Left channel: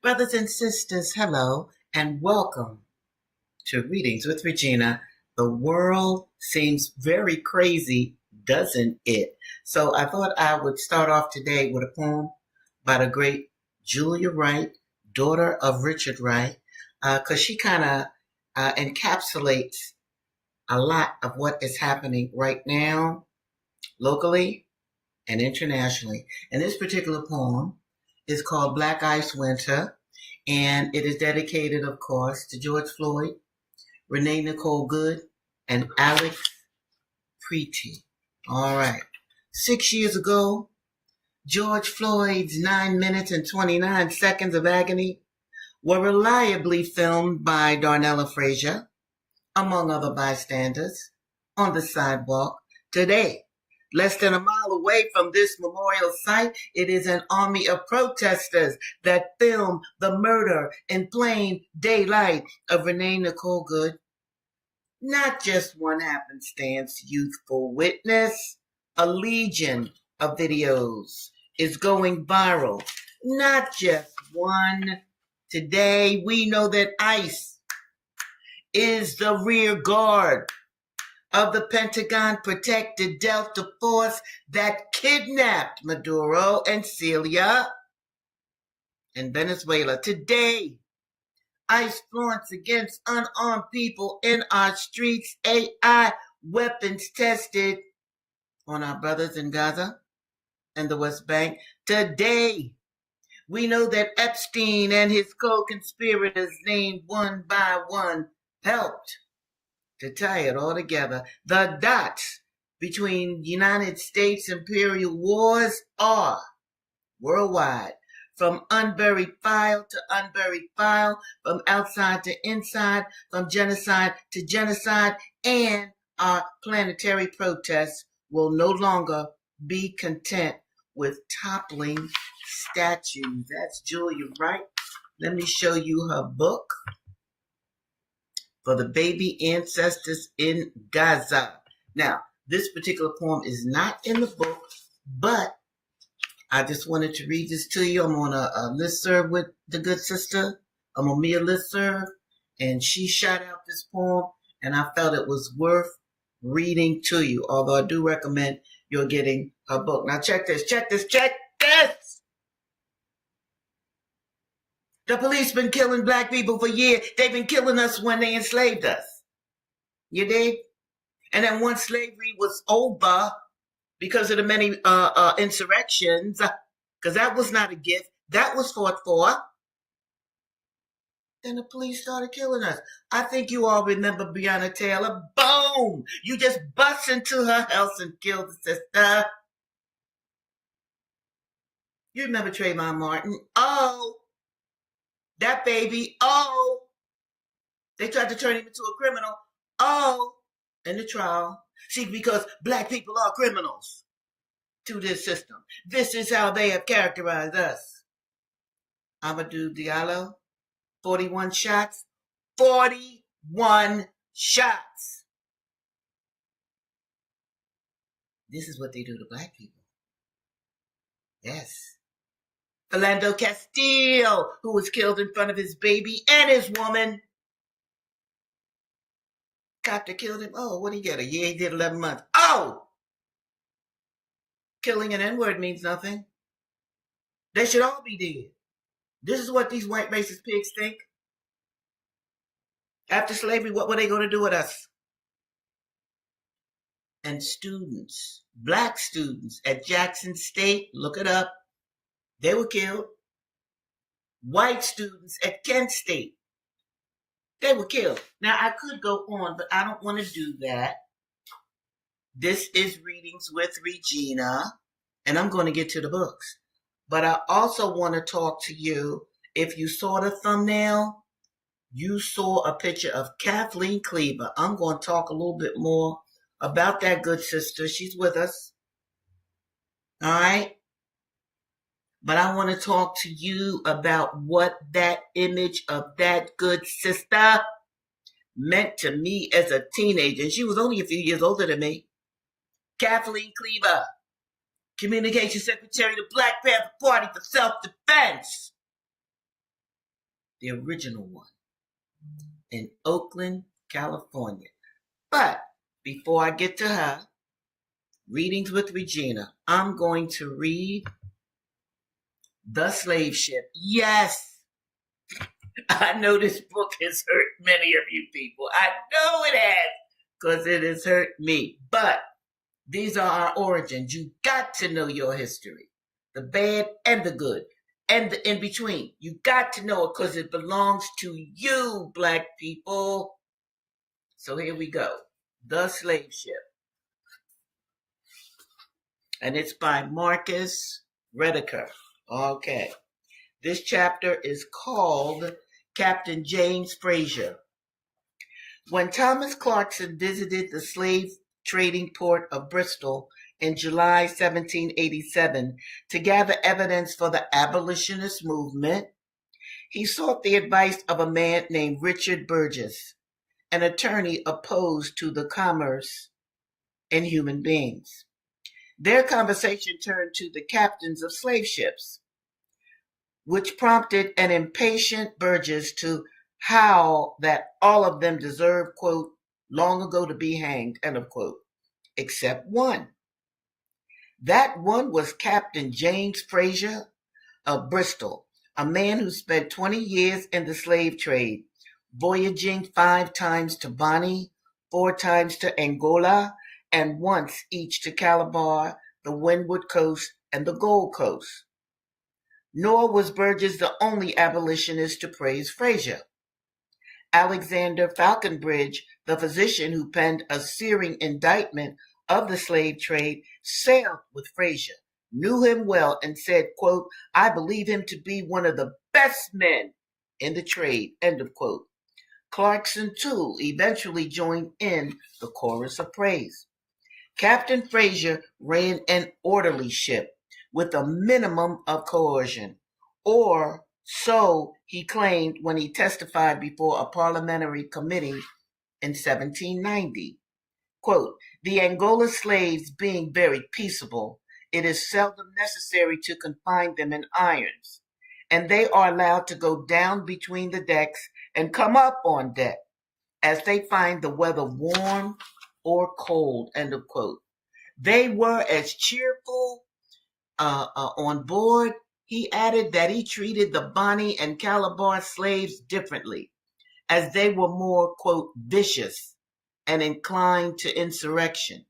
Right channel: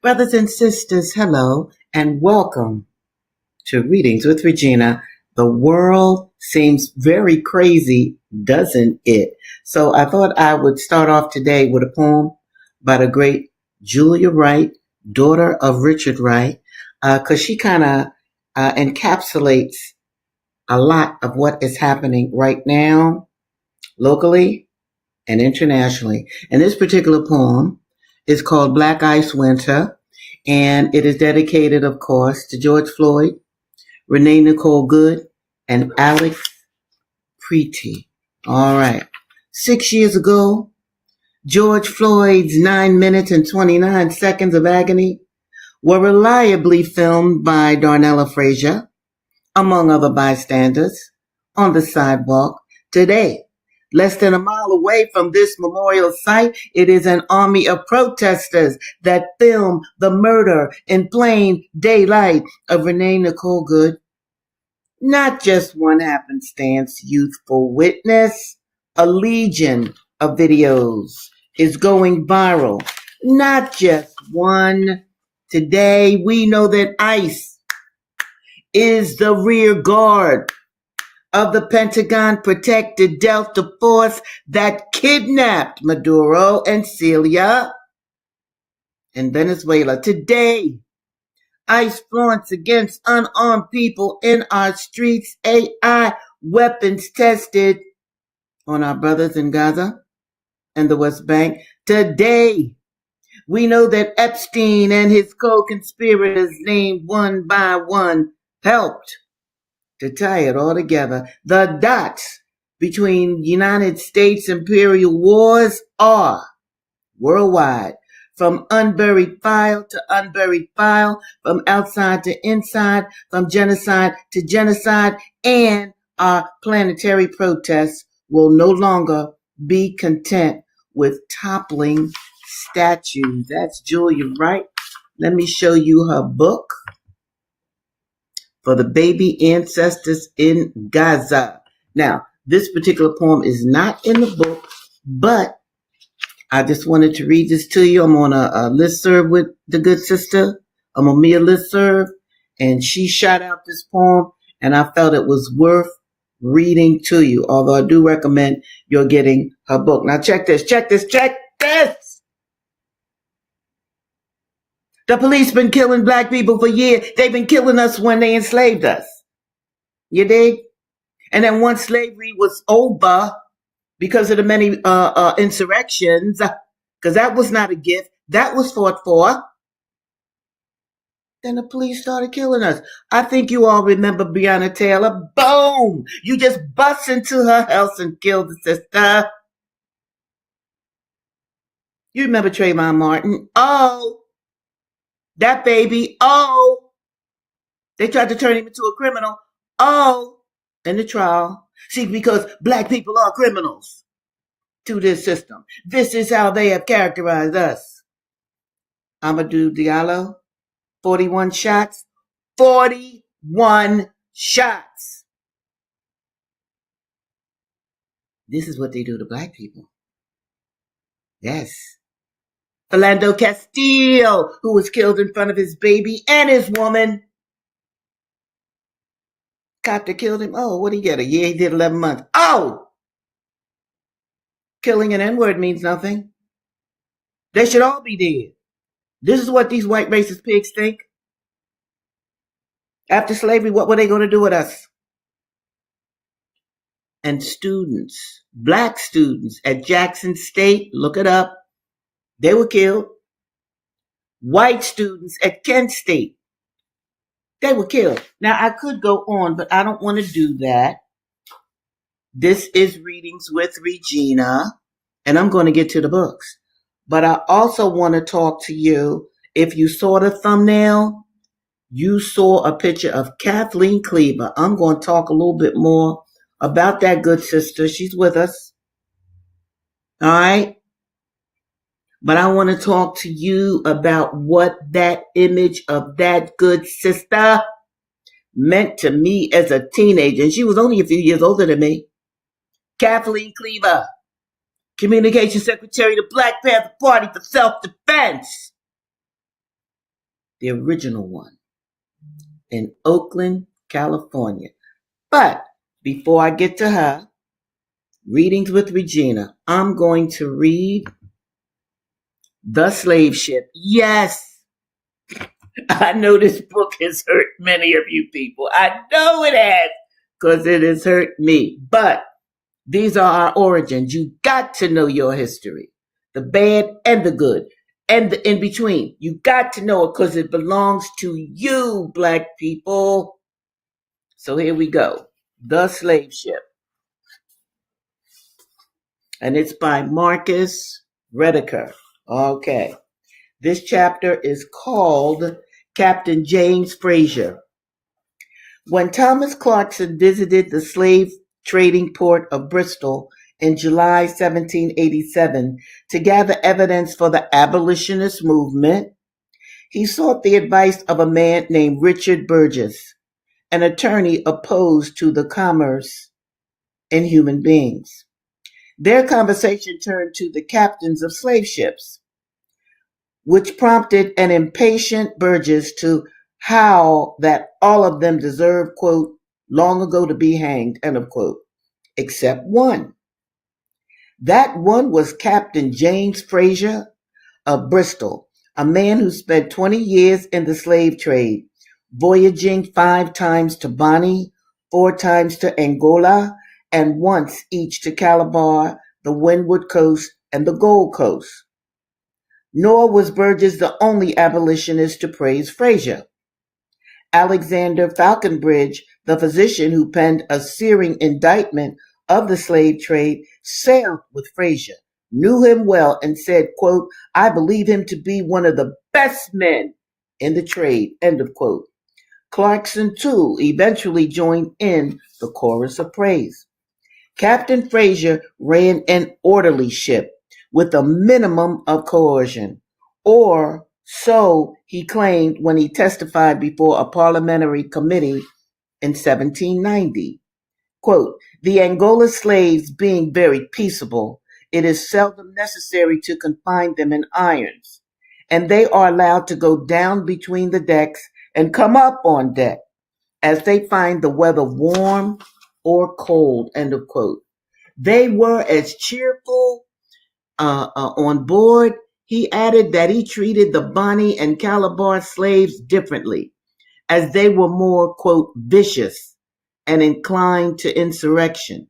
Brothers and sisters, hello and welcome to Readings with Regina. The world seems very crazy, doesn't it? So I thought I would start off today with a poem by the great Julia Wright, daughter of Richard Wright, because she kind of encapsulates a lot of what is happening right now, locally and internationally. And this particular poem is called Black Ice Winter, and it is dedicated, of course, to George Floyd, Renee Nicole Good, and Alex Preety. All right. 6 years ago, George Floyd's 9 minutes and 29 seconds of agony were reliably filmed by Darnella Frazier, among other bystanders, on the sidewalk. Today, less than a mile away from this memorial site, it is an army of protesters that film the murder in plain daylight of Renee Nicole Good. Not just one happenstance youthful witness, a legion of videos is going viral. Not just one. Today, we know that ICE is the rear guard of the Pentagon protected Delta Force that kidnapped Maduro and Celia in Venezuela. Today, ICE flaunts against unarmed people in our streets, AI weapons tested on our brothers in Gaza and the West Bank. Today, we know that Epstein and his co-conspirators, named one by one, helped to tie it all together. The dots between United States imperial wars are worldwide, from unburied file to unburied file, from outside to inside, from genocide to genocide, and our planetary protests will no longer be content with toppling statues. That's Julia Wright. Let me show you her book, For the Baby Ancestors in Gaza. Now, this particular poem is not in the book, but I just wanted to read this to you. I'm on a listserv with the good sister. I'm on Mia listserv, and she shot out this poem, and I felt it was worth reading to you, although I do recommend you're getting her book. Now, check this. The police been killing black people for years. They've been killing us when they enslaved us. You dig? And then once slavery was over, because of the many insurrections, because that was not a gift, that was fought for, then the police started killing us. I think you all remember Breonna Taylor. Boom! You just bust into her house and killed the sister. You remember Trayvon Martin? Oh, that baby. Oh, they tried to turn him into a criminal. Oh, in the trial. See, because black people are criminals to this system. This is how they have characterized us. Amadou Diallo, 41 shots. 41 shots. This is what they do to black people. Yes. Philando Castile, who was killed in front of his baby and his woman. Cop that killed him. Oh, what did he get? A year? He did 11 months. Oh! Killing an N-word means nothing. They should all be dead. This is what these white racist pigs think. After slavery, what were they going to do with us? And students, black students at Jackson State, look it up, they were killed. White students at Kent State, they were killed. Now, I could go on, but I don't want to do that. This is Readings with Regina, and I'm going to get to the books. But I also want to talk to you. If you saw the thumbnail, you saw a picture of Kathleen Cleaver. I'm going to talk a little bit more about that good sister. She's with us. All right. But I want to talk to you about what that image of that good sister meant to me as a teenager. And she was only a few years older than me. Kathleen Cleaver, Communications Secretary of the Black Panther Party for Self-Defense. the original one, in Oakland, California. But before I get to her, Readings with Regina, I'm going to read The Slave Ship. Yes, I know this book has hurt many of you people. I know it has, because it has hurt me. But these are our origins. You got to know your history, the bad and the good, and the in between. You got to know it because it belongs to you, Black people. So here we go. The Slave Ship. And it's by Marcus Rediker. Okay. This chapter is called Captain James Frazier. When Thomas Clarkson visited the slave trading port of Bristol in July 1787 to gather evidence for the abolitionist movement, he sought the advice of a man named Richard Burgess, an attorney opposed to the commerce in human beings. Their conversation turned to the captains of slave ships, which prompted an impatient Burgess to howl that all of them deserved, quote, long ago to be hanged, end of quote, except one. That one was Captain James Frazier of Bristol, a man who spent 20 years in the slave trade, voyaging 5 times to Bonny, 4 times to Angola, and once each to Calabar, the Windward Coast, and the Gold Coast. Nor was Burgess the only abolitionist to praise Frazier. Alexander Falconbridge, the physician who penned a searing indictment of the slave trade, sailed with Frazier, knew him well, and said, quote, I believe him to be one of the best men in the trade, end of quote. Clarkson, too, eventually joined in the chorus of praise. Captain Frazier ran an orderly ship with a minimum of coercion, or so he claimed when he testified before a parliamentary committee in 1790. Quote, the Angola slaves being very peaceable, it is seldom necessary to confine them in irons, and they are allowed to go down between the decks and come up on deck as they find the weather warm or cold, end of quote. They were as cheerful on board. He added that he treated the Bonny and Calabar slaves differently, as they were more, quote, vicious and inclined to insurrection.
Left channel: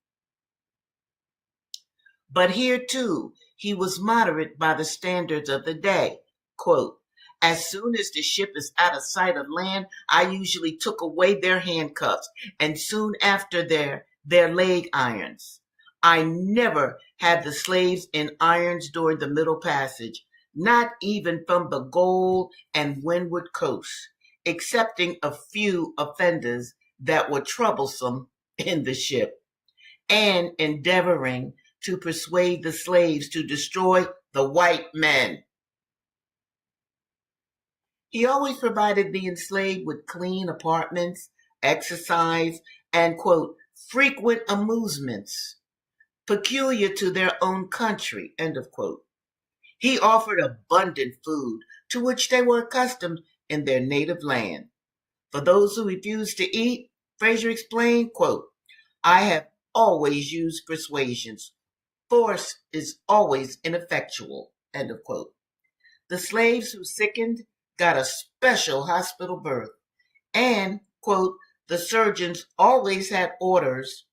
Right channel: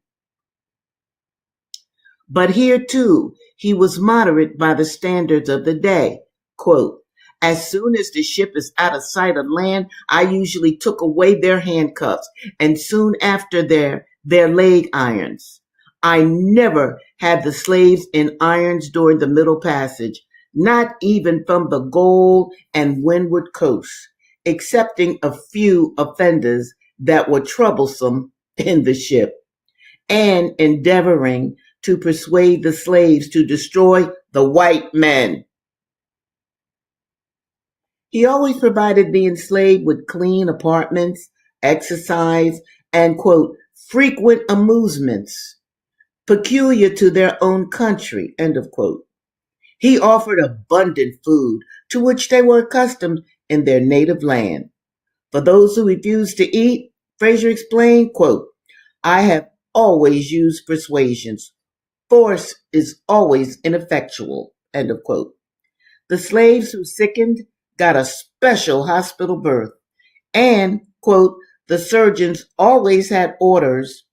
But here, too, he was moderate by the standards of the day. Quote, as soon as the ship is out of sight of land, I usually took away their handcuffs, and soon after their leg irons. I never had the slaves in irons during the Middle Passage, not even from the Gold and Windward Coasts, excepting a few offenders that were troublesome in the ship, and endeavoring to persuade the slaves to destroy the white men. He always provided the enslaved with clean apartments, exercise, and, quote, frequent amusements peculiar to their own country, end of quote. He offered abundant food to which they were accustomed in their native land. For those who refused to eat, Frazier explained, quote, I have always used persuasions. Force is always ineffectual, end of quote. The slaves who sickened got a special hospital berth, and, quote, the surgeons always had orders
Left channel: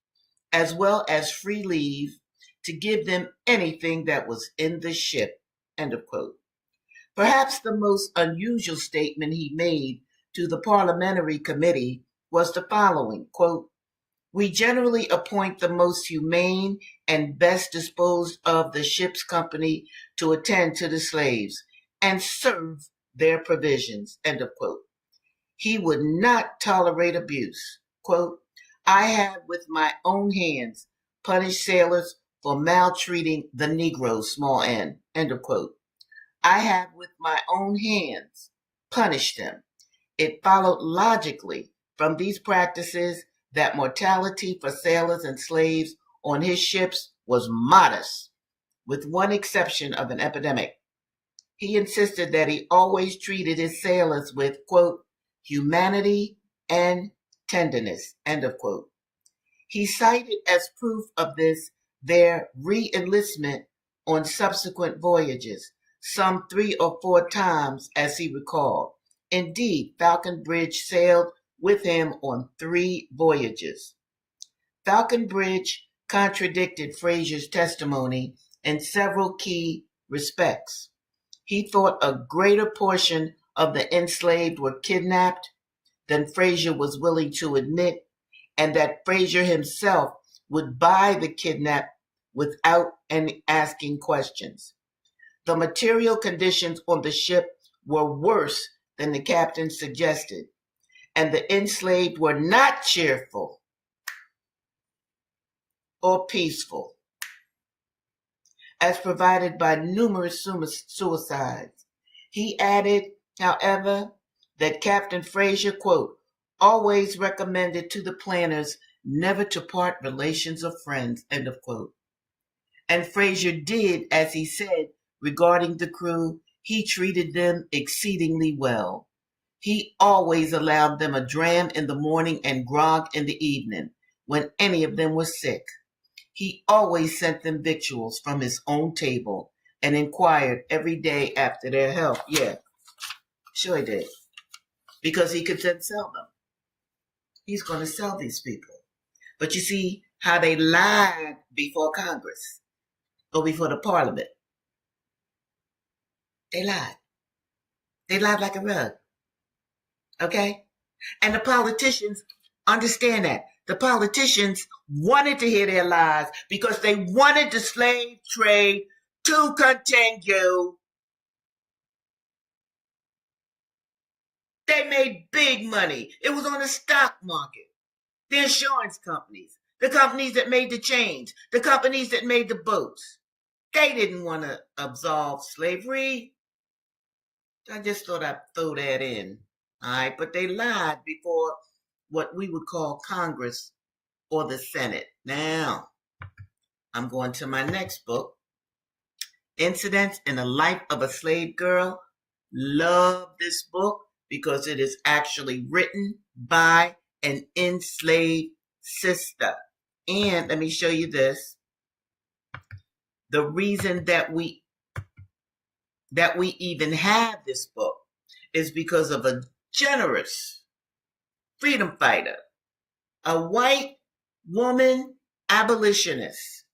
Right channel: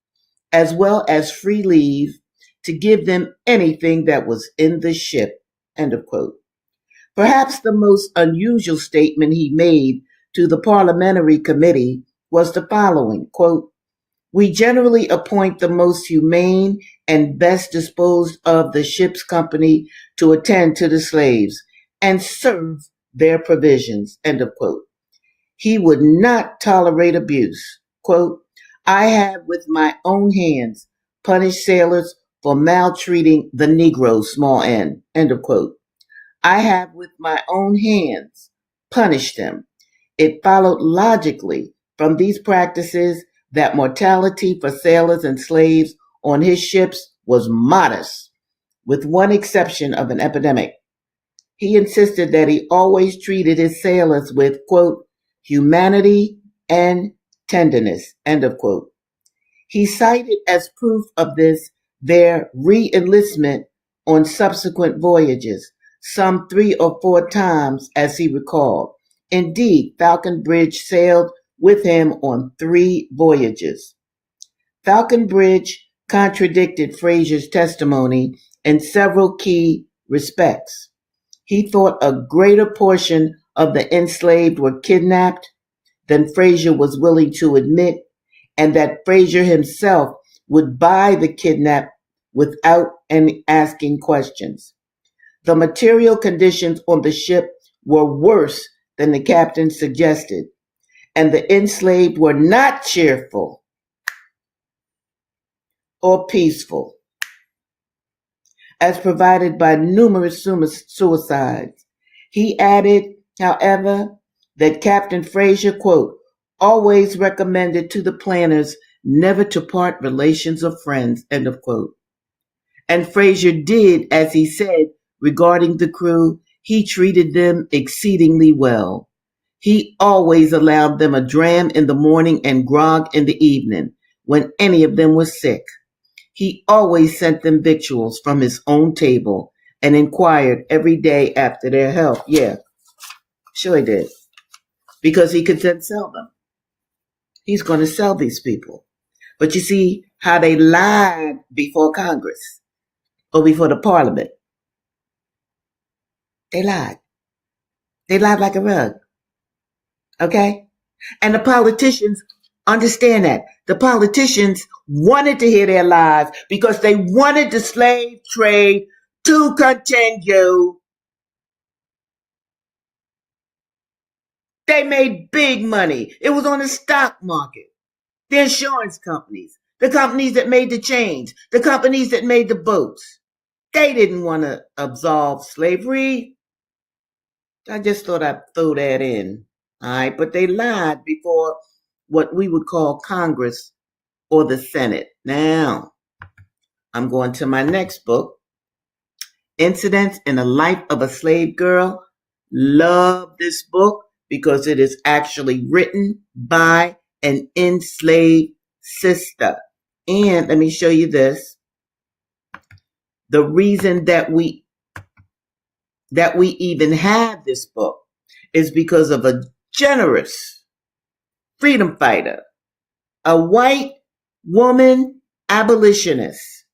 as well as free leave to give them anything that was in the ship, end of quote. Perhaps the most unusual statement he made to the parliamentary committee was the following, quote, we generally appoint the most humane and best disposed of the ship's company to attend to the slaves and serve their provisions, end of quote. He would not tolerate abuse. Quote, I have with my own hands punished sailors for maltreating the Negro, small n, end of quote. I have with my own hands punished them. It followed logically from these practices that mortality for sailors and slaves on his ships was modest, with one exception of an epidemic. He insisted that he always treated his sailors with, quote, humanity and tenderness, end of quote. He cited as proof of this their re-enlistment on subsequent voyages, some 3 or 4 times as he recalled. Indeed, Falconbridge sailed with him on 3 voyages. Falconbridge contradicted Fraser's testimony in several key respects. He thought a greater portion of the enslaved were kidnapped than Fraser was willing to admit, and that Fraser himself would buy the kidnap without any asking questions. The material conditions on the ship were worse than the captain suggested, and the enslaved were not cheerful or peaceful, as provided by numerous suicides. He added, however, that Captain Fraser, quote, always recommended to the planners never to part relations or friends, end of quote. And Fraser did, as he said regarding the crew, he treated them exceedingly well. He always allowed them a dram in the morning and grog in the evening when any of them was sick. He always sent them victuals from his own table and inquired every day after their health. Yeah, sure he did. Because he could then sell them. He's going to sell these people. But you see how they lied before Congress or before the Parliament. They lied. They lied like a rug. Okay? And the politicians understand that. The politicians wanted to hear their lies because they wanted the slave trade to continue. They made big money. It was on the stock market. The insurance companies, the companies that made the chains, the companies that made the boats. They didn't want to absolve slavery. I just thought I'd throw that in. All right, but they lied before what we would call Congress or the Senate. Now, I'm going to my next book, Incidents in the Life of a Slave Girl. Love this book because it is actually written by an enslaved sister. And let me show you this. The reason that we even have this book is because of a generous freedom fighter, a white woman abolitionist,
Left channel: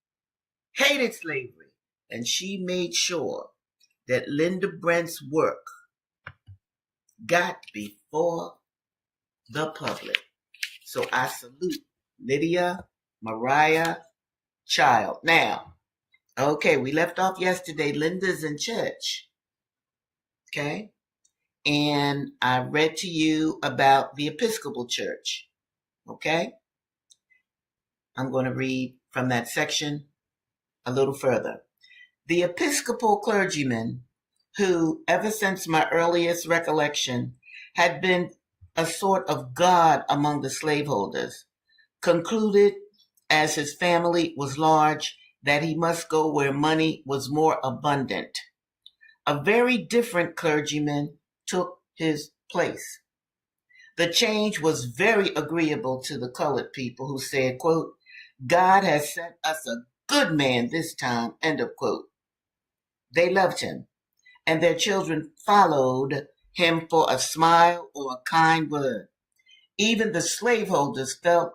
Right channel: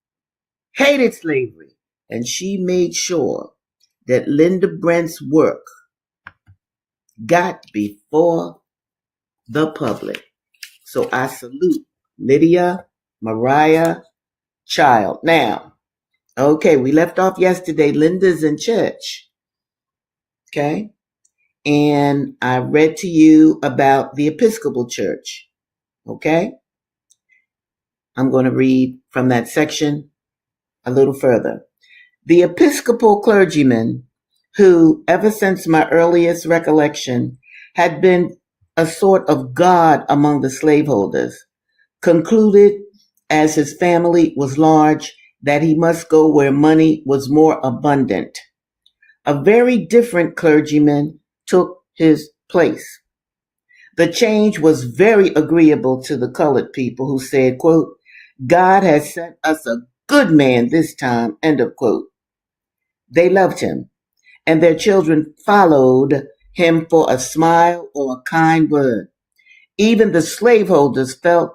hated slavery, and she made sure that Linda Brent's work got before the public. So I salute Lydia Mariah Child. Now, okay, we left off yesterday. Linda's in church. Okay? And I read to you about the Episcopal Church. Okay? I'm going to read from that section a little further. The Episcopal clergyman, who, ever since my earliest recollection, had been a sort of god among the slaveholders, concluded, as his family was large, that he must go where money was more abundant. A very different clergyman took his place. The change was very agreeable to the colored people, who said, quote, God has sent us a good man this time, end of quote. They loved him, and their children followed him for a smile or a kind word. Even the slaveholders felt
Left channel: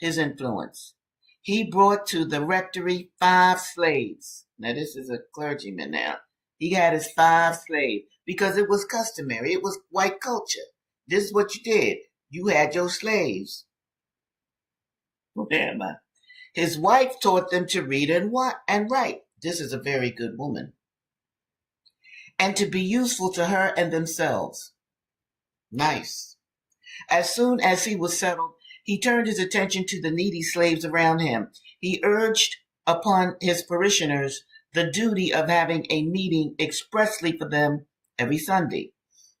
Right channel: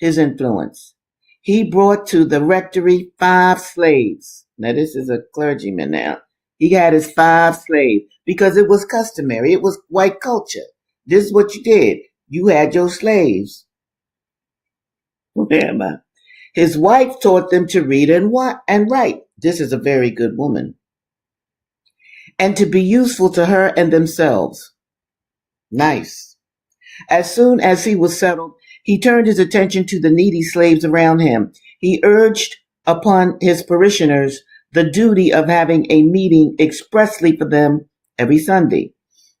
his influence. He brought to the rectory 5 slaves. Now, this is a clergyman now. He had his 5 slaves because it was customary. It was white culture. This is what you did. You had your slaves. Where am I? His wife taught them to read and write. This is a very good woman. And to be useful to her and themselves. Nice. As soon as he was settled, he turned his attention to the needy slaves around him. He urged upon his parishioners the duty of having a meeting expressly for them every Sunday,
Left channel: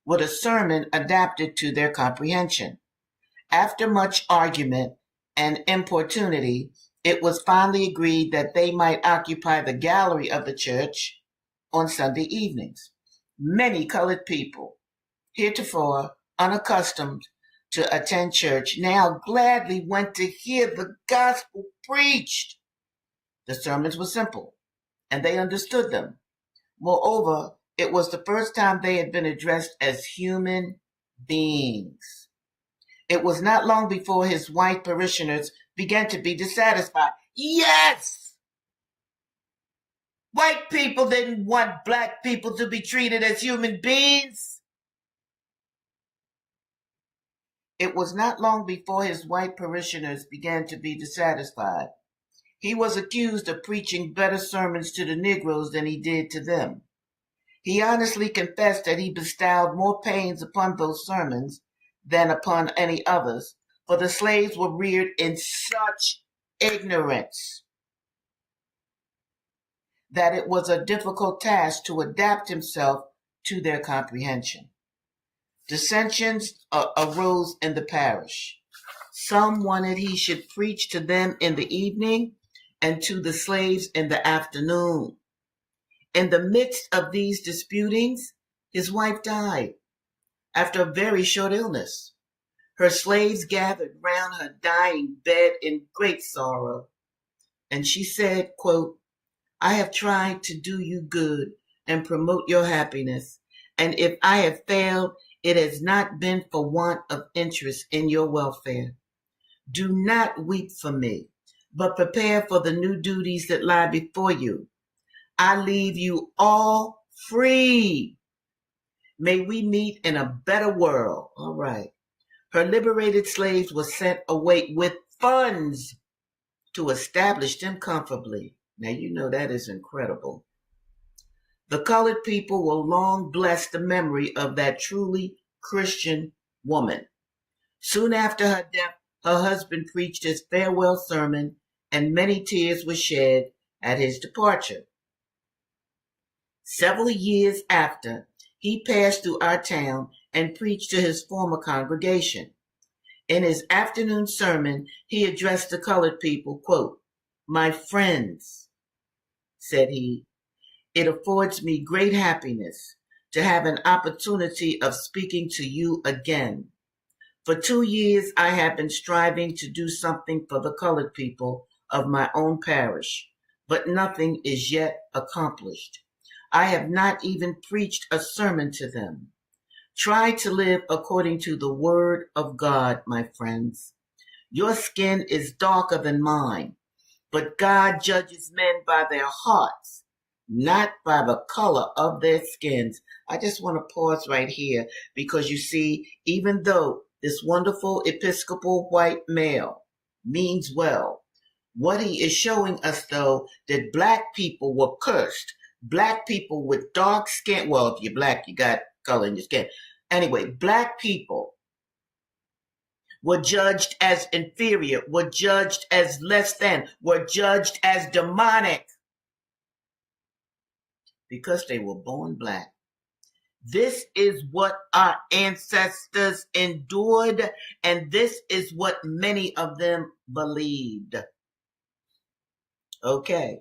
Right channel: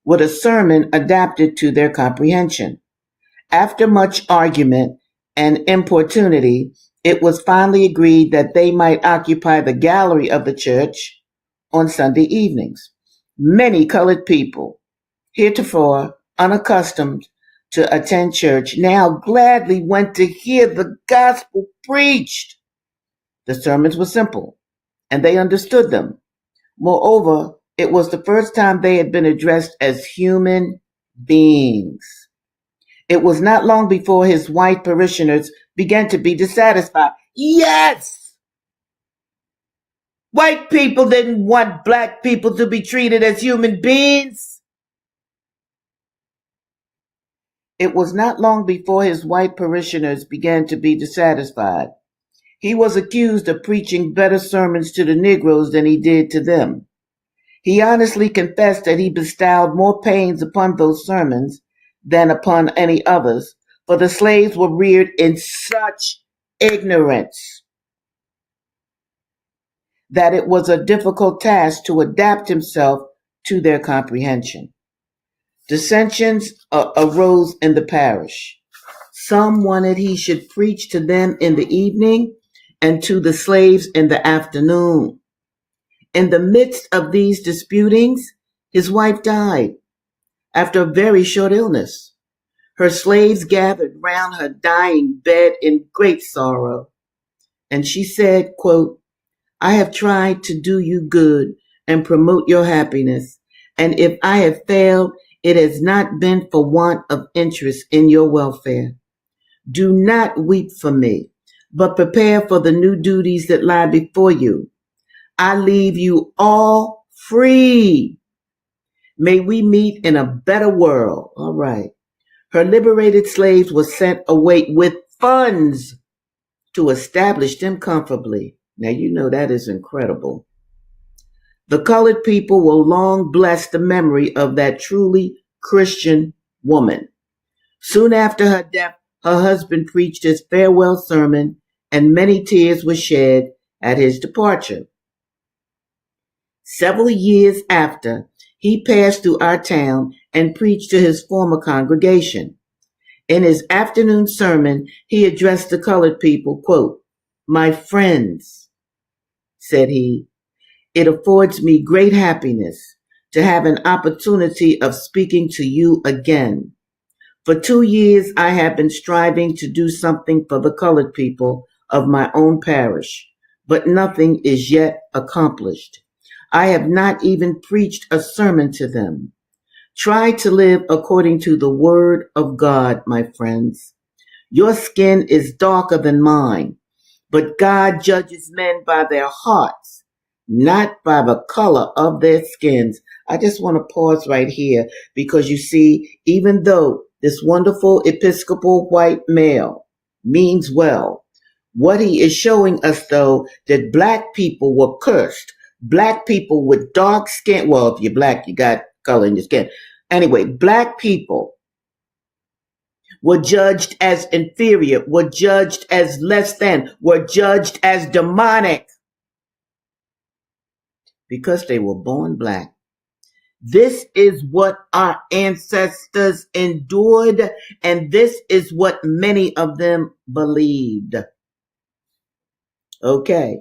with a sermon adapted to their comprehension. After much argument and importunity, it was finally agreed that they might occupy the gallery of the church on Sunday evenings. Many colored people, heretofore unaccustomed to attend church, now gladly went to hear the gospel preached. The sermons were simple, and they understood them. Moreover, it was the first time they had been addressed as human beings. It was not long before his white parishioners began to be dissatisfied. Yes! White people didn't want black people to be treated as human beings. It was not long before his white parishioners began to be dissatisfied. He was accused of preaching better sermons to the Negroes than he did to them. He honestly confessed that he bestowed more pains upon those sermons than upon any others, for the slaves were reared in such ignorance that it was a difficult task to adapt himself to their comprehension. Dissensions arose in the parish. Some wanted he should preach to them in the evening and to the slaves in the afternoon. In the midst of these disputings, his wife died after a very short illness. Her slaves gathered round her dying bed in great sorrow, and she said, quote, I have tried to do you good and promote your happiness, and if I have failed, it has not been for want of interest in your welfare. Do not weep for me, but prepare for the new duties that lie before you. I leave you all free. May we meet in a better world. All right. Her liberated slaves were sent away with funds to establish them comfortably. Now, you know that is incredible. The colored people will long bless the memory of that truly Christian woman. Soon after her death, her husband preached his farewell sermon, and many tears were shed at his departure. Several years after, he passed through our town and preached to his former congregation. In his afternoon sermon, he addressed the colored people, quote, My friends, said he, it affords me great happiness to have an opportunity of speaking to you again. For 2 years, I have been striving to do something for the colored people of my own parish, but nothing is yet accomplished. I have not even preached a sermon to them. Try to live according to the word of God, my friends. Your skin is darker than mine, but God judges men by their hearts, not by the color of their skins. I just want to pause right here because you see, even though this wonderful Episcopal white male means well, what he is showing us, though, that black people were cursed. Black people with dark skin, well, if you're black, you got color in your skin. Anyway, black people were judged as inferior, were judged as less than, were judged as demonic because they were born black. This is what our ancestors endured, and this is what many of them believed. Okay.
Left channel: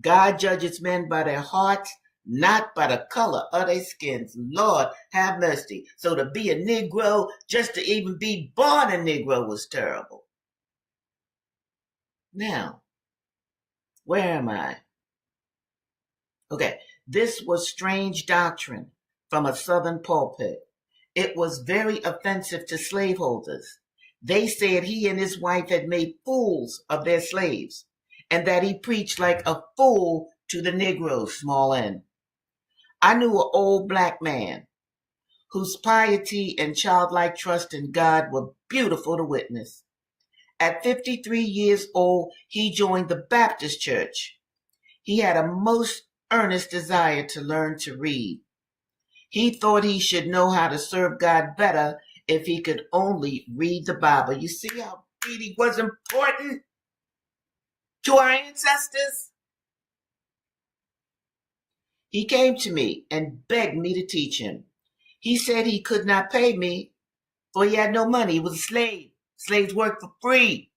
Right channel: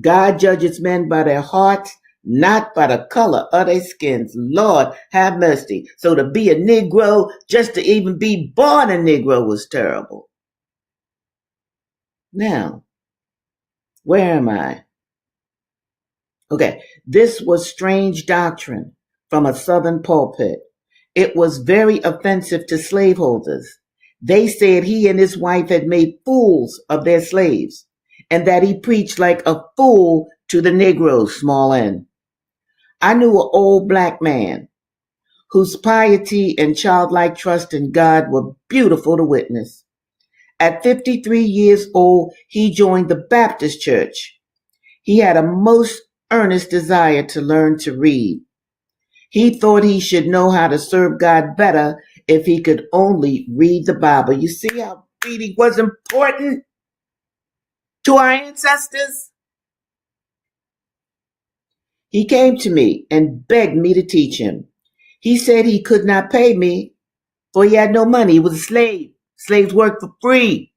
God judges men by their hearts, not by the color of their skins. Lord, have mercy. So to be a Negro, just to even be born a Negro was terrible. Now, where am I? Okay, this was strange doctrine from a Southern pulpit. It was very offensive to slaveholders. They said he and his wife had made fools of their slaves, and that he preached like a fool to the Negroes, small n. I knew an old black man whose piety and childlike trust in God were beautiful to witness. At 53 years old, he joined the Baptist church. He had a most earnest desire to learn to read. He thought he should know how to serve God better if he could only read the Bible. You see how reading was important to our ancestors? He came to me and begged me to teach him. He said he could not pay me, for he had no money. He was a slave. Slaves worked for free.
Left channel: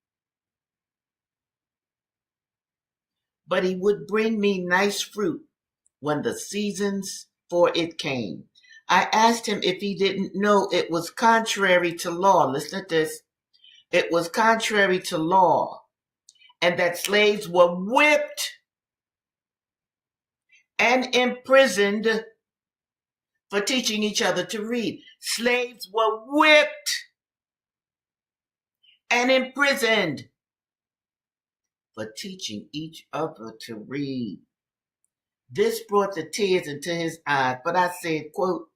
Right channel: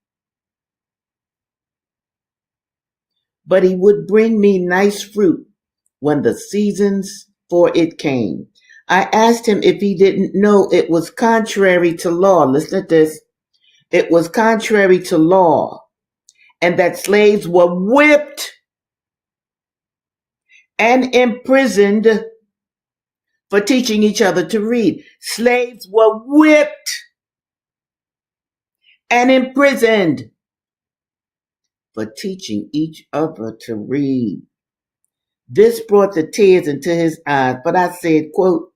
But he would bring me nice fruit when the seasons before it came. I asked him if he didn't know it was contrary to law. Listen to this. It was contrary to law, and that slaves were whipped and imprisoned for teaching each other to read. Slaves were whipped and imprisoned for teaching each other to read. This brought the tears into his eyes, but I said, quote,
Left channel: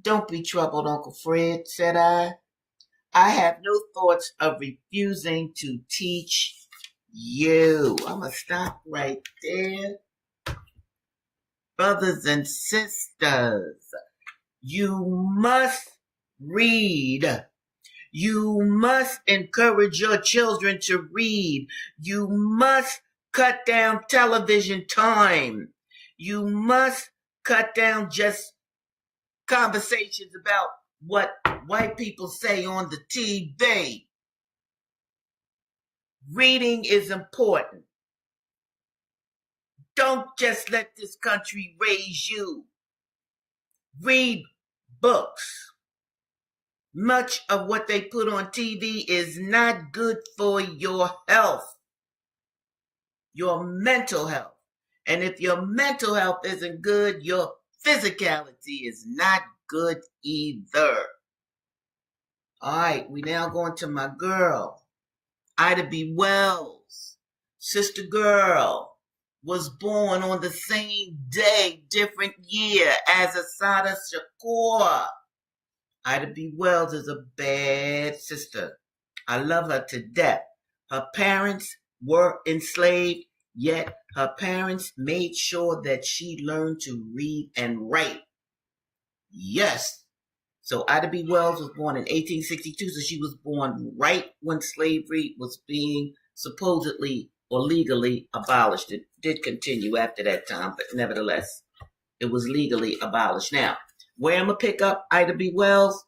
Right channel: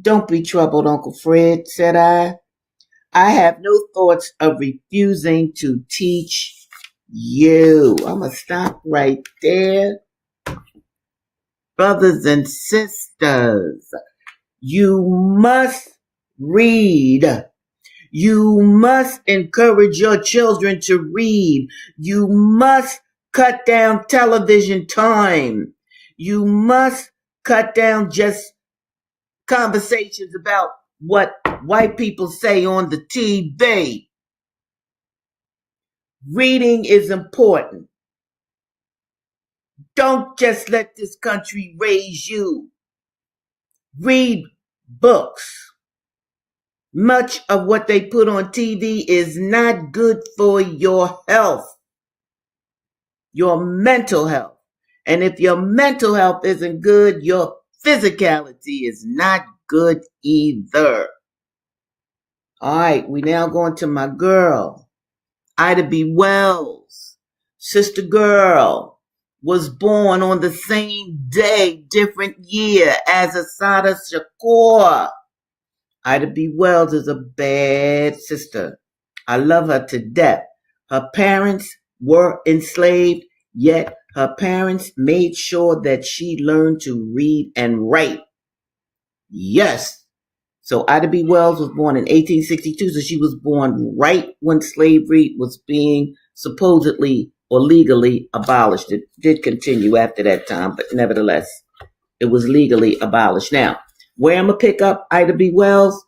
"Don't be troubled, Uncle Fred," said I. "I have no thoughts of refusing to teach you." I'm going to stop right there. Brothers and sisters, you must read. You must encourage your children to read. You must cut down television time. You must cut down just conversations about what white people say on the TV. Reading is important. Don't just let this country raise you. Read books. Much of what they put on TV is not good for your health, your mental health. And if your mental health isn't good, your physicality is not good either. All right, we now going to my girl, Ida B. Wells. Sister girl was born on the same day, different year as Assata Shakur. Ida B. Wells is a bad sister. I love her to death. Her parents were enslaved, yet her parents made sure that she learned to read and write. Yes. So Ida B. Wells was born in 1862, so she was born right when slavery was being supposedly or legally abolished. It did continue after that time, but nevertheless, it was legally abolished. Now, where I'm going to pick up Ida B. Wells,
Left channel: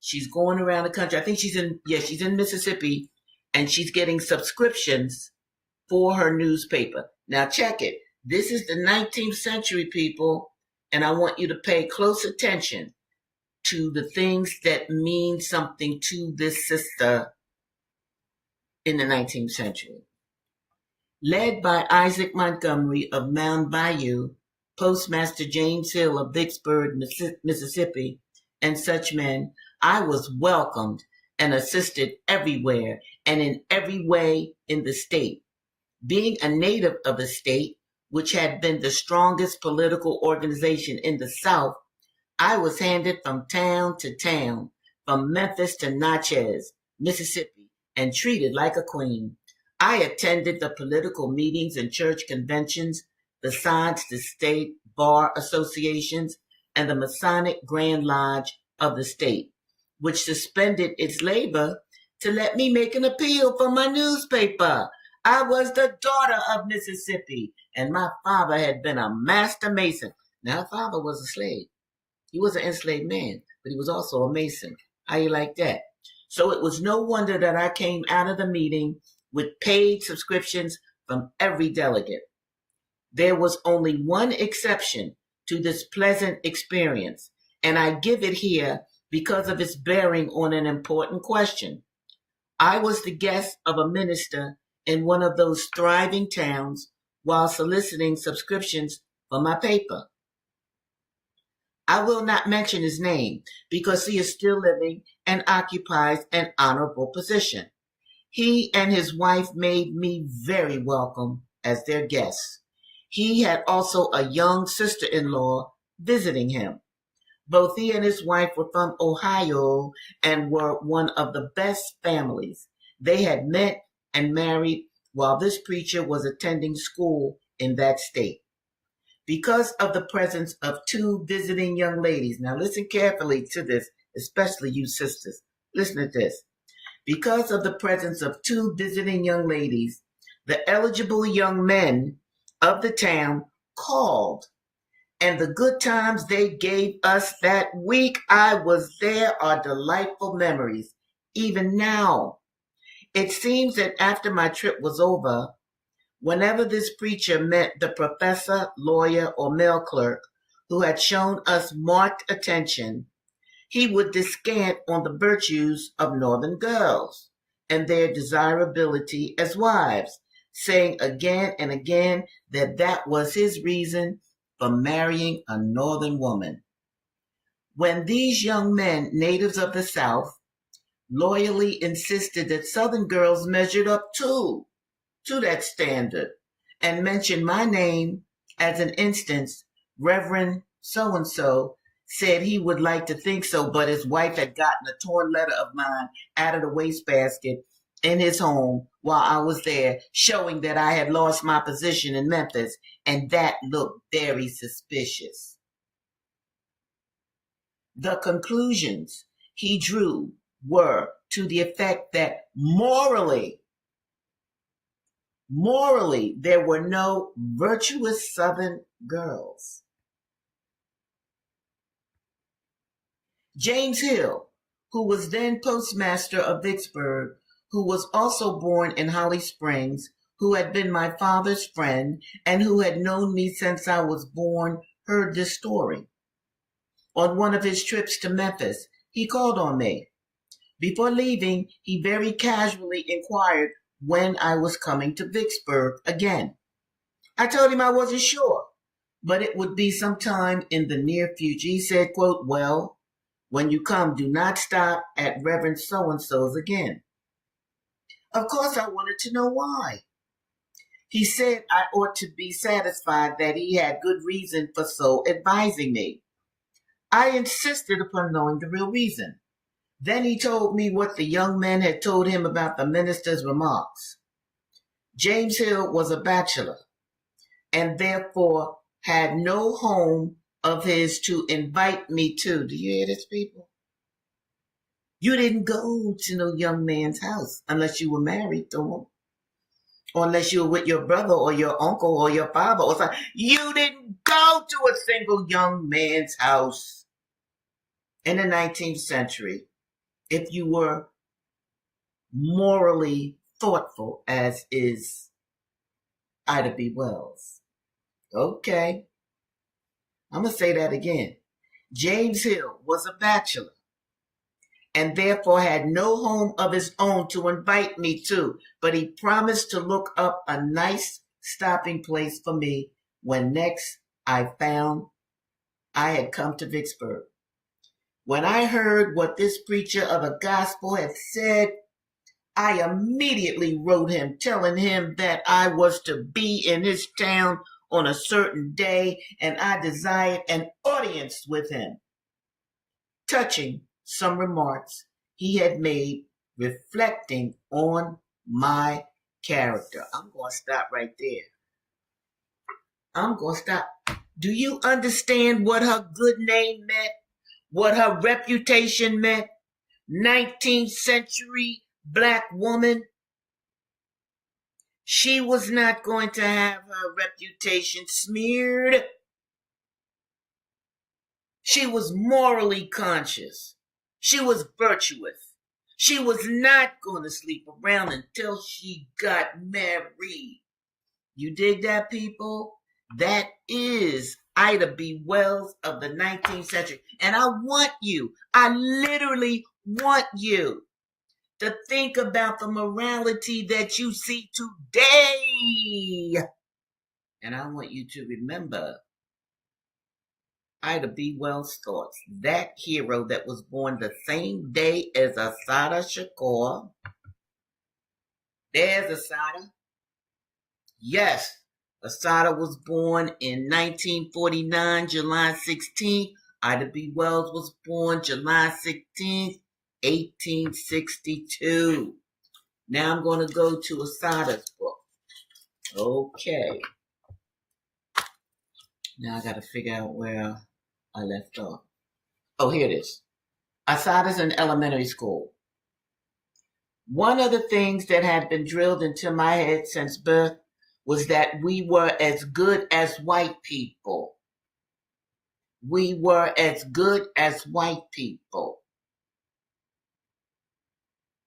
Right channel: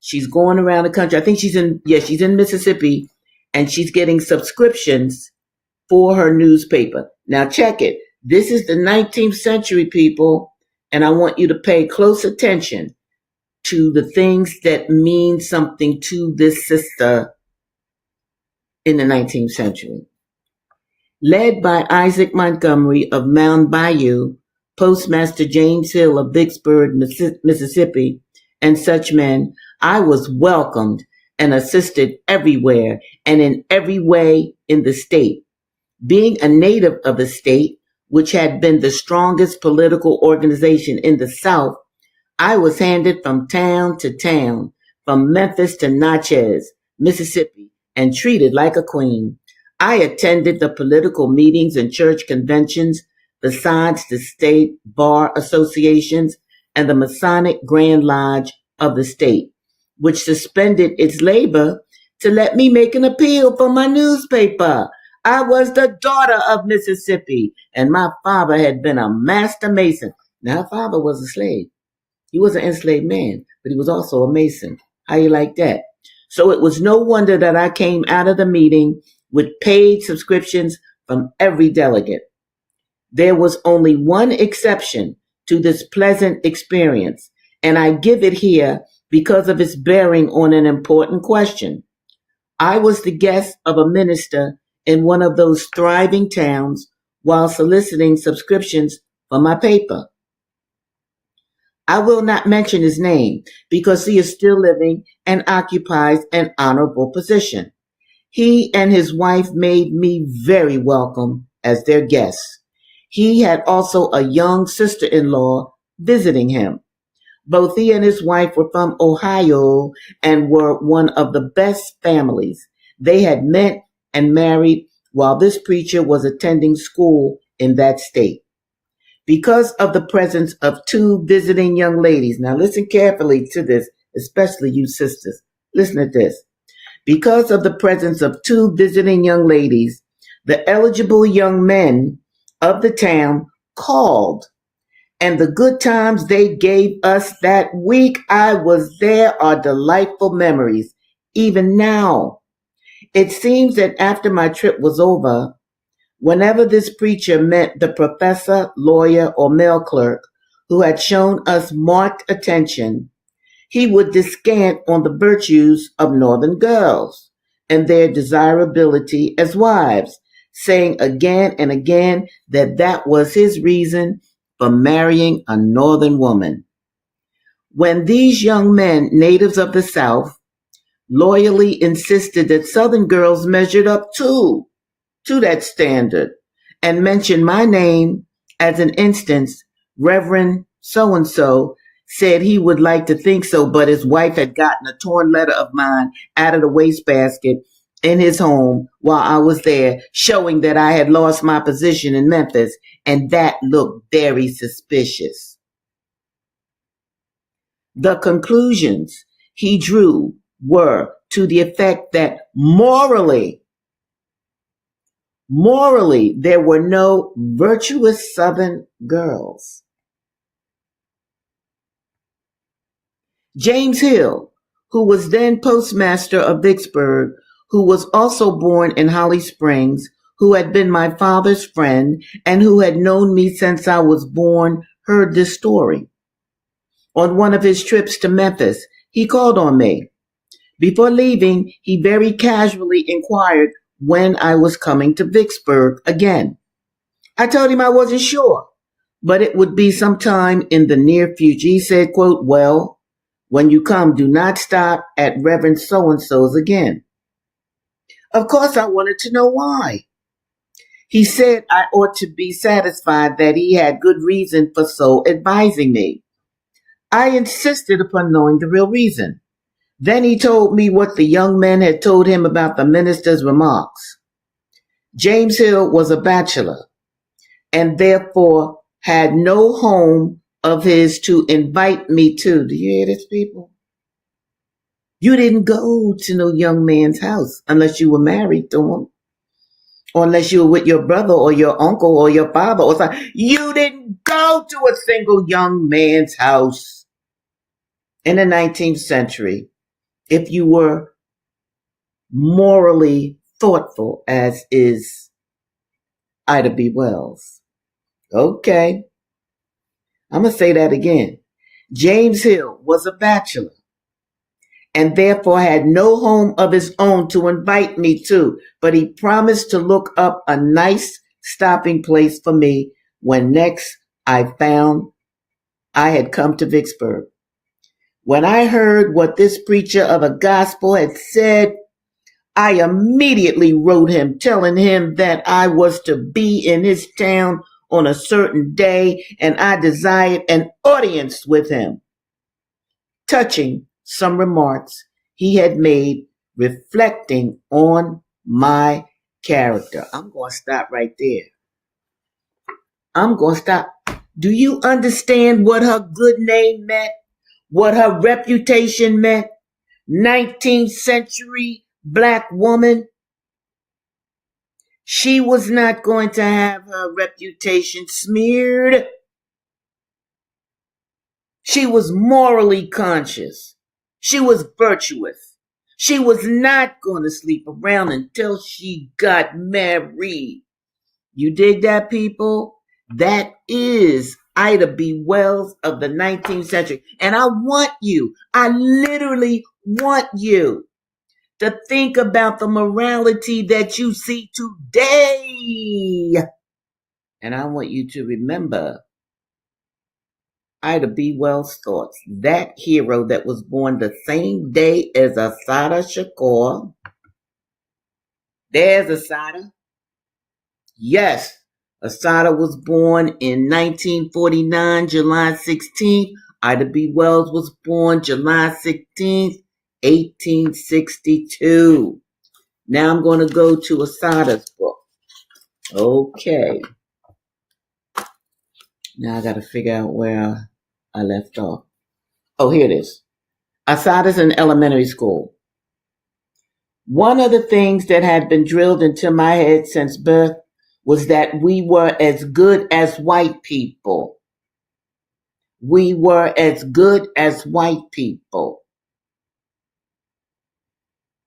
she's going around the country. I think she's in Mississippi, and she's getting subscriptions for her newspaper. Now check it. This is the 19th century, people, and I want you to pay close attention to the things that mean something to this sister in the 19th century. Led by Isaac Montgomery of Mound Bayou, Postmaster James Hill of Vicksburg, Mississippi, and such men, I was welcomed and assisted everywhere and in every way in the state. Being a native of the state, which had been the strongest political organization in the South, I was handed from town to town, from Memphis to Natchez, Mississippi, and treated like a queen. I attended the political meetings and church conventions, besides the state bar associations and the Masonic Grand Lodge of the state, which suspended its labor to let me make an appeal for my newspaper. I was the daughter of Mississippi, and my father had been a master mason. Now, her father was a slave. He was an enslaved man, but he was also a mason. How you like that? So it was no wonder that I came out of the meeting with paid subscriptions from every delegate. There was only one exception to this pleasant experience, and I give it here because of its bearing on an important question. I was the guest of a minister in one of those thriving towns while soliciting subscriptions for my paper. I will not mention his name because he is still living and occupies an honorable position. He and his wife made me very welcome as their guests. He had also a young sister-in-law visiting him. Both he and his wife were from Ohio and were one of the best families. They had met and married while this preacher was attending school in that state. Because of the presence of two visiting young ladies, now listen carefully to this, especially you sisters. Listen to this. Because of the presence of two visiting young ladies, the eligible young men of the town called, and the good times they gave us that week I was there are delightful memories, even now. It seems that after my trip was over, whenever this preacher met the professor, lawyer, or mail clerk who had shown us marked attention, he would descant on the virtues of Northern girls and their desirability as wives, saying again and again that that was his reason for marrying a Northern woman. When these young men, natives of the South, loyally insisted that Southern girls measured up too to that standard and mentioned my name as an instance, Reverend so and so said he would like to think so, but his wife had gotten a torn letter of mine out of the wastebasket in his home while I was there, showing that I had lost my position in Memphis, and that looked very suspicious. The conclusions he drew were to the effect that morally, there were no virtuous Southern girls. James Hill, who was then postmaster of Vicksburg, who was also born in Holly Springs, who had been my father's friend, and who had known me since I was born, heard this story. On one of his trips to Memphis, he called on me. Before leaving, he very casually inquired when I was coming to Vicksburg again. I told him I wasn't sure, but it would be sometime in the near future. He said, quote, "Well, when you come, do not stop at Reverend so-and-so's again." Of course, I wanted to know why. He said I ought to be satisfied that he had good reason for so advising me. I insisted upon knowing the real reason. Then he told me what the young men had told him about the minister's remarks. James Hill was a bachelor and therefore had no home of his to invite me to. Do you hear this, people? You didn't go to no young man's house unless you were married to him, or unless you were with your brother or your uncle or your father or something. You didn't go to a single young man's house in the 19th century if you were morally thoughtful, as is Ida B. Wells. Okay, I'm going to say that again. James Hill was a bachelor and therefore had no home of his own to invite me to, but he promised to look up a nice stopping place for me when next I found I had come to Vicksburg. When I heard what this preacher of the gospel had said, I immediately wrote him telling him that I was to be in his town on a certain day and I desired an audience with him, touching some remarks he had made reflecting on my character. I'm going to stop right there. I'm going to stop. Do you understand what her good name meant? What her reputation meant? 19th century black woman. She was not going to have her reputation smeared. She was morally conscious. She was virtuous. She was not going to sleep around until she got married. You dig that, people? That is Ida B. Wells of the 19th century. And I literally want you to think about the morality that you see today. And I want you to remember Ida B. Wells' thoughts. That hero that was born the same day as Assata Shakur. There's Assata. Yes, Assata was born in 1949, July 16th. Ida B. Wells was born July 16th, 1862. Now I'm going to go to Assata's book. Okay. Now I got to figure out where I left off. Oh, here it is. Assata's in elementary school. One of the things that had been drilled into my head since birth was that we were as good as white people. We were as good as white people.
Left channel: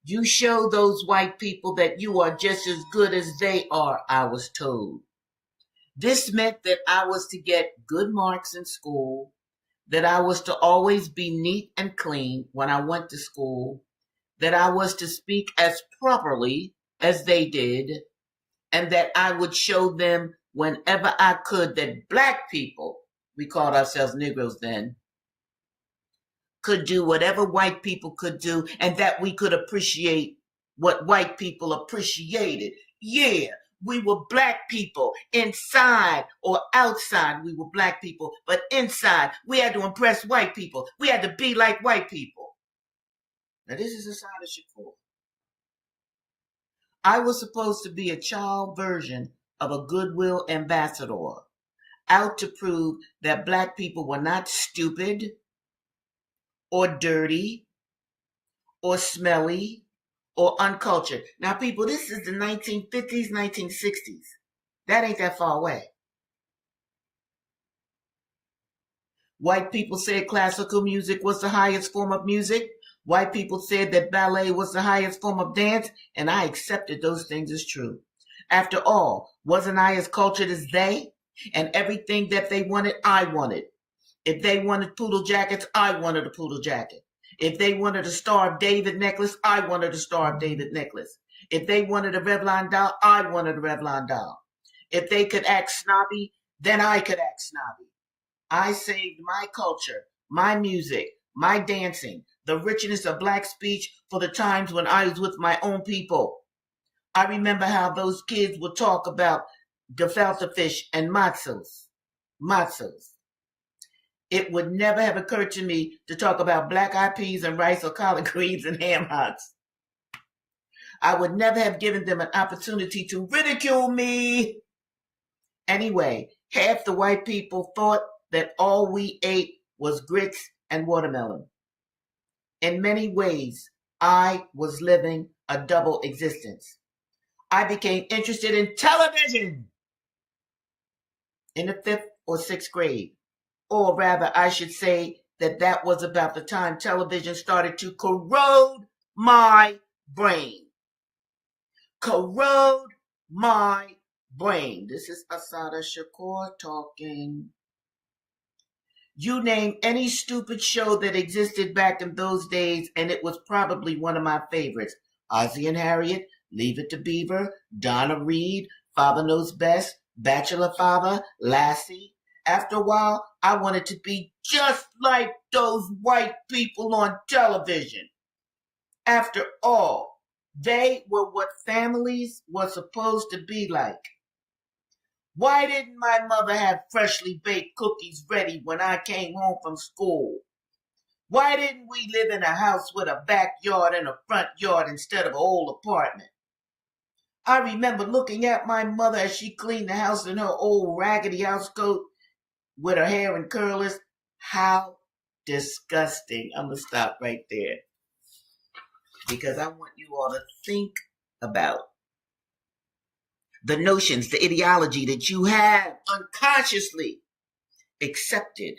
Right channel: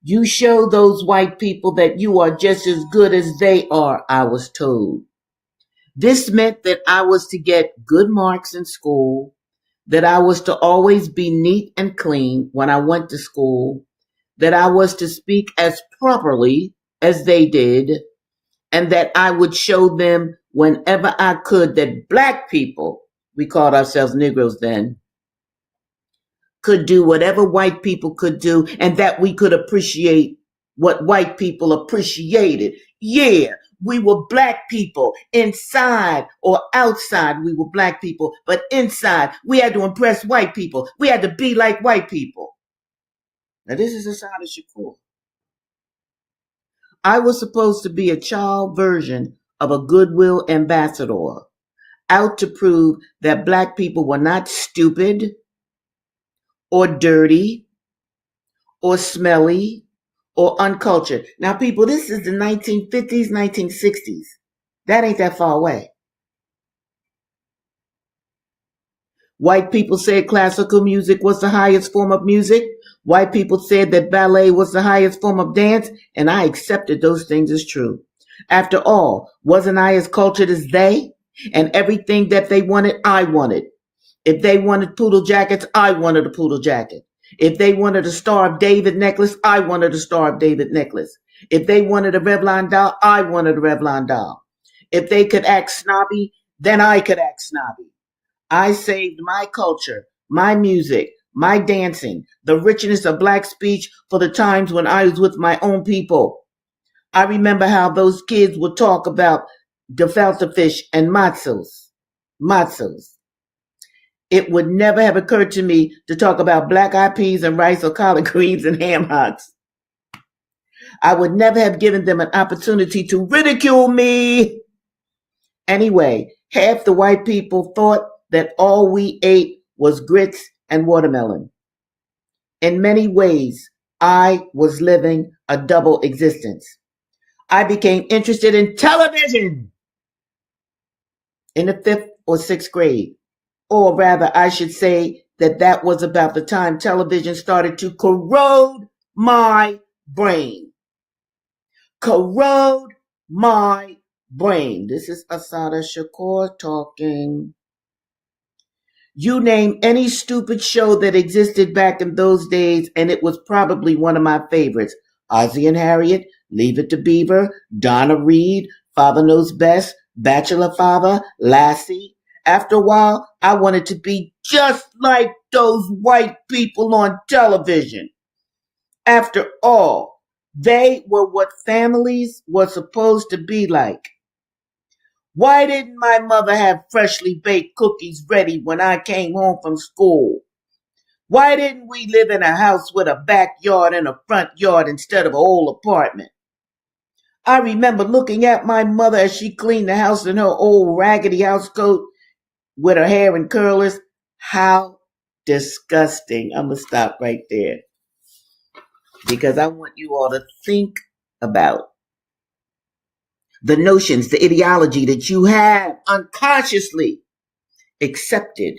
You show those white people that you are just as good as they are, I was told. This meant that I was to get good marks in school, that I was to always be neat and clean when I went to school, that I was to speak as properly as they did, and that I would show them whenever I could that black people, we called ourselves Negroes then, could do whatever white people could do, and that we could appreciate what white people appreciated. Yeah, we were black people inside or outside. We were black people, but inside we had to impress white people. We had to be like white people. Now, this is Asada Shakur. I was supposed to be a child version of a goodwill ambassador, out to prove that black people were not stupid or dirty or smelly or uncultured. Now, people, this is the 1950s, 1960s. That ain't that far away. White people said classical music was the highest form of music. White people said that ballet was the highest form of dance, and I accepted those things as true. After all, wasn't I as cultured as they? And everything that they wanted, I wanted. If they wanted poodle jackets, I wanted a poodle jacket. If they wanted a Star of David necklace, I wanted a Star of David necklace. If they wanted a Revlon doll, I wanted a Revlon doll. If they could act snobby, then I could act snobby. I saved my culture, my music, my dancing, the richness of black speech for the times when I was with my own people. I remember how those kids would talk about gefilte fish and matzos. Matzos. It would never have occurred to me to talk about black eyed peas and rice or collard greens and ham hocks. I would never have given them an opportunity to ridicule me. Anyway, half the white people thought that all we ate was grits and watermelon. In many ways, I was living a double existence. I became interested in television in the 5th or 6th grade. Or rather, I should say that was about the time television started to corrode my brain. Corrode my brain. This is Asada Shakur talking. You name any stupid show that existed back in those days, and it was probably one of my favorites. Ozzie and Harriet, Leave It to Beaver, Donna Reed, Father Knows Best, Bachelor Father, Lassie. After a while, I wanted to be just like those white people on television. After all, they were what families were supposed to be like. Why didn't my mother have freshly baked cookies ready when I came home from school? Why didn't we live in a house with a backyard and a front yard instead of an old apartment? I remember looking at my mother as she cleaned the house in her old raggedy housecoat with her hair in curlers. How disgusting. I'm going to stop right there because I want you all to think about the notions, the ideology that you have unconsciously accepted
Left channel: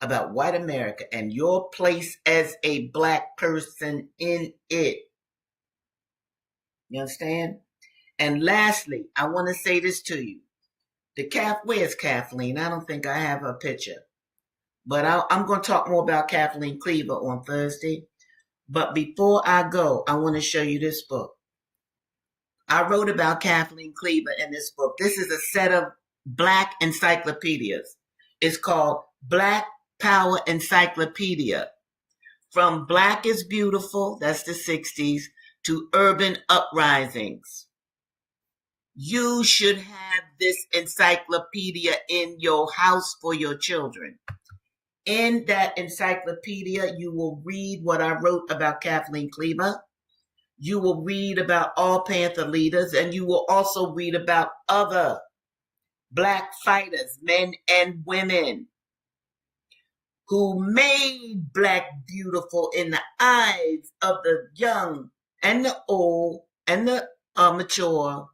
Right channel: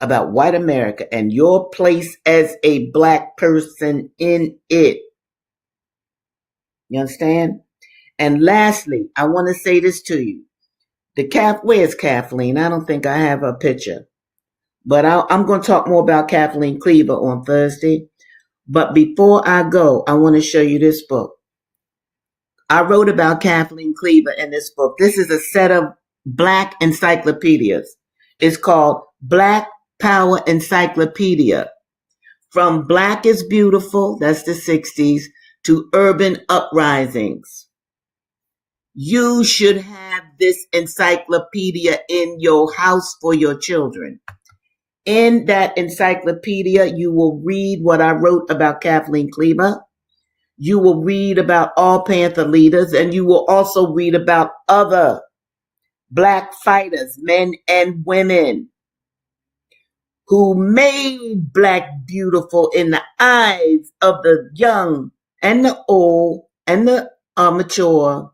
about white America and your place as a black person in it. You understand? And lastly, I want to say this to you. Where's Kathleen? I don't think I have a picture. But I'm going to talk more about Kathleen Cleaver on Thursday. But before I go, I want to show you this book. I wrote about Kathleen Cleaver in this book. This is a set of black encyclopedias. It's called Black Power Encyclopedia. From Black is Beautiful, that's the 60s, to Urban Uprisings. You should have this encyclopedia in your house for your children. In that encyclopedia, you will read what I wrote about Kathleen Cleaver. You will read about all Panther leaders, and you will also read about other black fighters, men and women, who made black beautiful in the eyes of the young and the old and the mature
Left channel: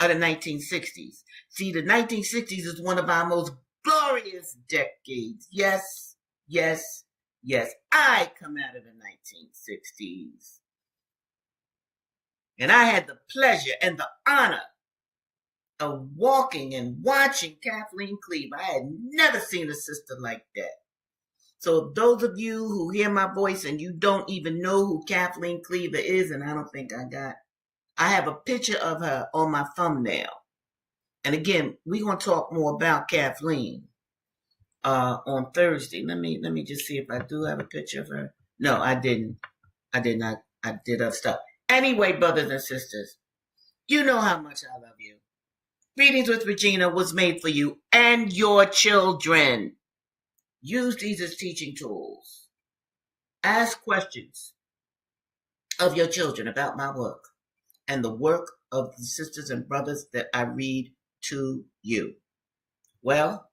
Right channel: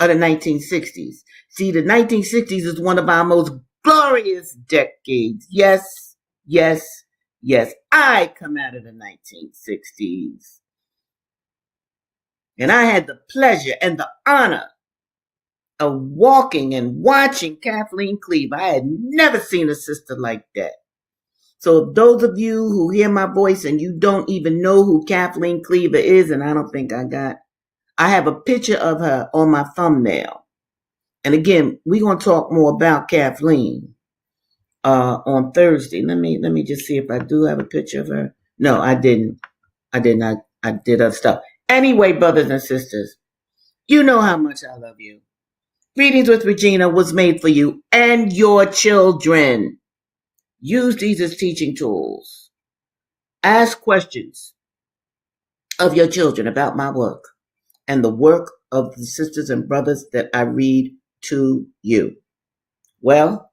of the 1960s. See, the 1960s is one of our most glorious decades. Yes, yes, yes. I come out of the 1960s. And I had the pleasure and the honor of walking and watching Kathleen Cleaver. I had never seen a sister like that. So those of you who hear my voice and you don't even know who Kathleen Cleaver is, and I don't think I have a picture of her on my thumbnail. And again, we're going to talk more about Kathleen on Thursday. Let me just see if I do have a picture of her. No, I didn't. I did not. I did other stuff. Anyway, brothers and sisters, you know how much I love you. Readings with Regina was made for you and your children. Use these as teaching tools. Ask questions of your children about my work and the work of the sisters and brothers that I read to you. Well,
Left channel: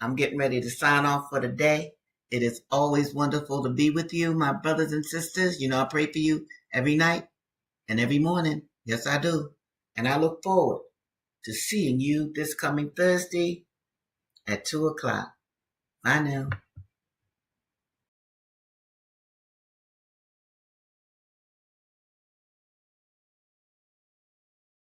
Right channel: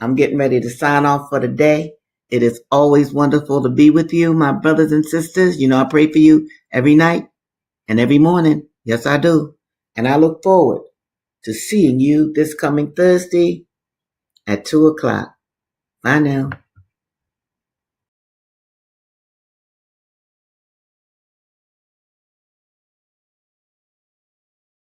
I'm getting ready to sign off for the day. It is always wonderful to be with you, my brothers and sisters. You know, I pray for you every night and every morning. Yes, I do. And I look forward to seeing you this coming Thursday at 2 o'clock. Bye now.